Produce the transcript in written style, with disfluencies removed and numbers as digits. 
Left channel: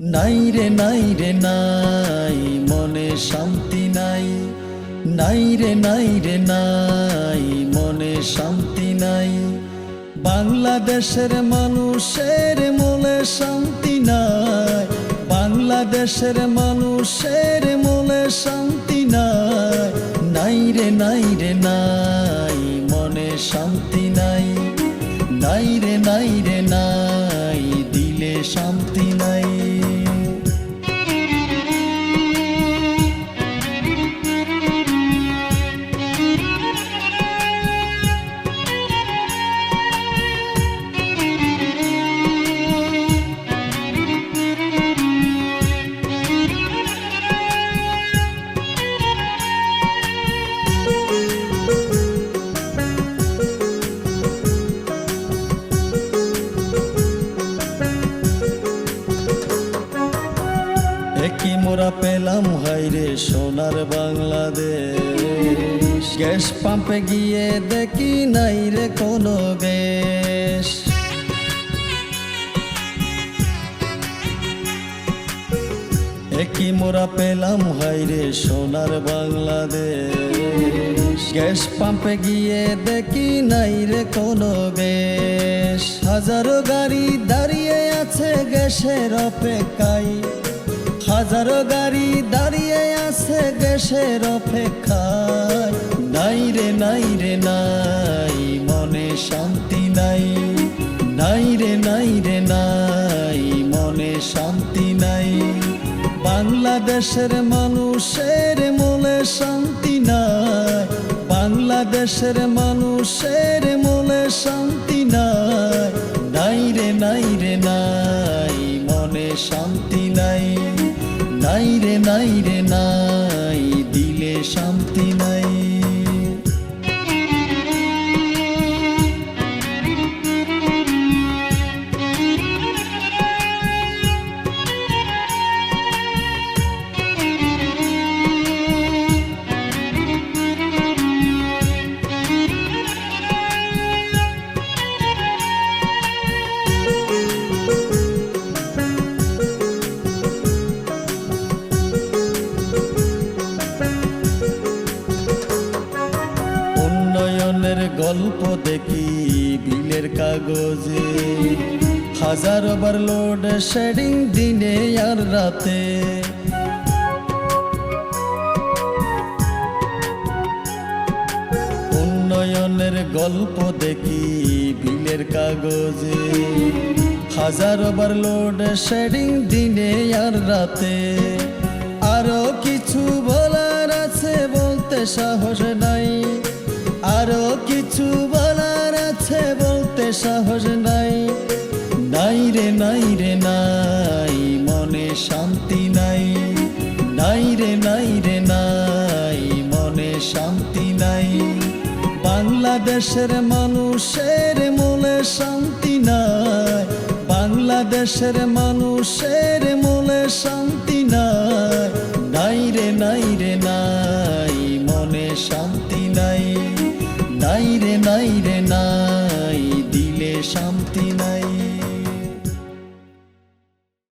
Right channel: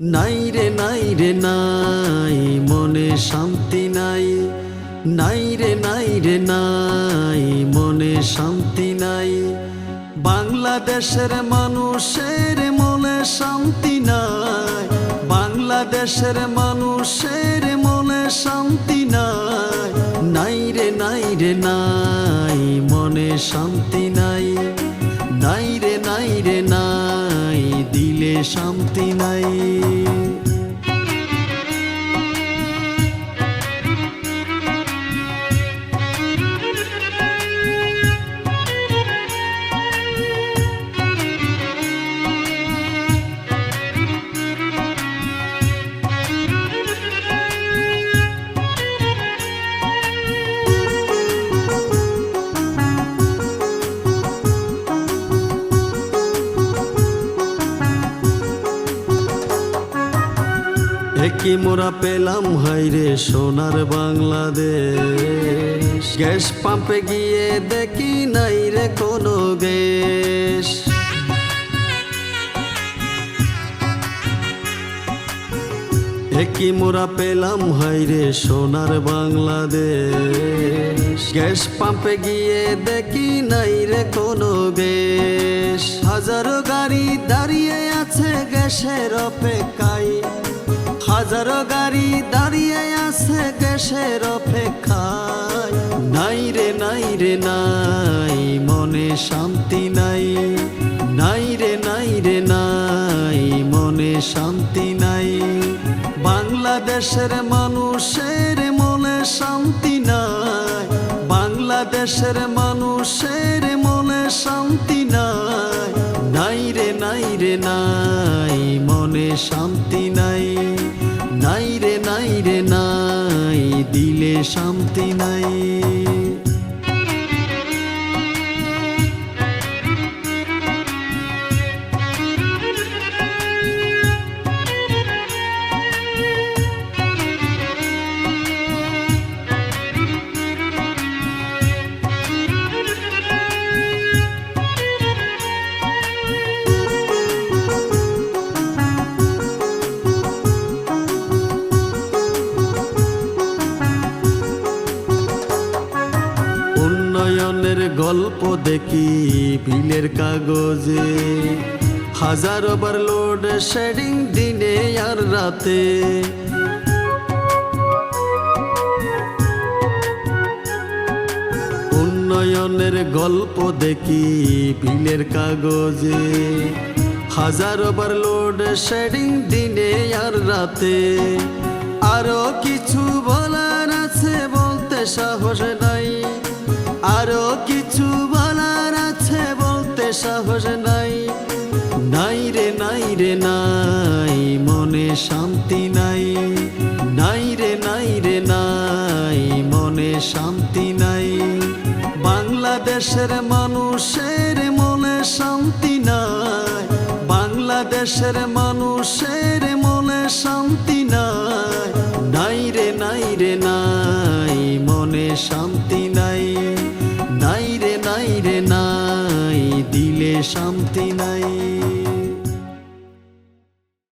নাই রে নাই রে নাই মনে শান্তি নাই, নাই রে নাই রে নাই মনে শান্তি নাই। বাংলাদেশের মানুষের মনে শান্তি নাই, বাংলাদেশের মানুষের মনে শান্তি নাই। নাই রে নাই রে নাই মনে শান্তি নাই, নাই রে নাই রে নাই দিলে শান্তি নাই। কি মোরা পেলাম হাইরে সোনার বাংলাদেশ, গ্যাস পাম্পে গিয়ে দেখি নাই রে কোনো গ্যাস। কি মোরা পেলাম হাইরে সোনার বাংলাদেশ, গ্যাস পাম্পে গিয়ে দেখি নাই রে কোনো গ্যাস। হাজারো গাড়ি দাঁড়িয়ে আছে গ্যাসের অপেক্ষায়, হাজারো গাড়ি দাঁড়িয়ে আছে গ্যাসের অপেক্ষায়। নাই রে নাই রে নাই মনে শান্তি নাই, নাই রে নাই রে নাই মনে শান্তি নাই। বাংলাদেশের মানুষের মনে শান্তি নাই, বাংলাদেশের মানুষের মনে শান্তি নাই। নাই রে নাই রে নাই মনে শান্তি নাই, নাই রে নাই রে নাই দিলে শান্তি নাই। উন্নয়নের গল্প দেখি বিলের কাগজে, হাজারো বার লোড শেডিং দিনে আর রাতে। উন্নয়নের গল্প দেখি বিলের কাগজে, হাজারো বার লোড শেডিং দিনে আর রাতে। আরো কিছু বলার আছে বলতে সাহস নাই, আরো কিছু বলার আছে বলতে সাহস নাই। নাই রে নাই রে নাই মনে শান্তি নাই, নাই রে নাই রে নাই মনে শান্তি নাই। বাংলাদেশের মানুষের মনে শান্তি নাই, বাংলাদেশের মানুষের মনে শান্তি নাই। নাই রে নাই রে নাই মনে শান্তি নাই, নাই রে নাই রে নাই দিলে শান্তি নাই।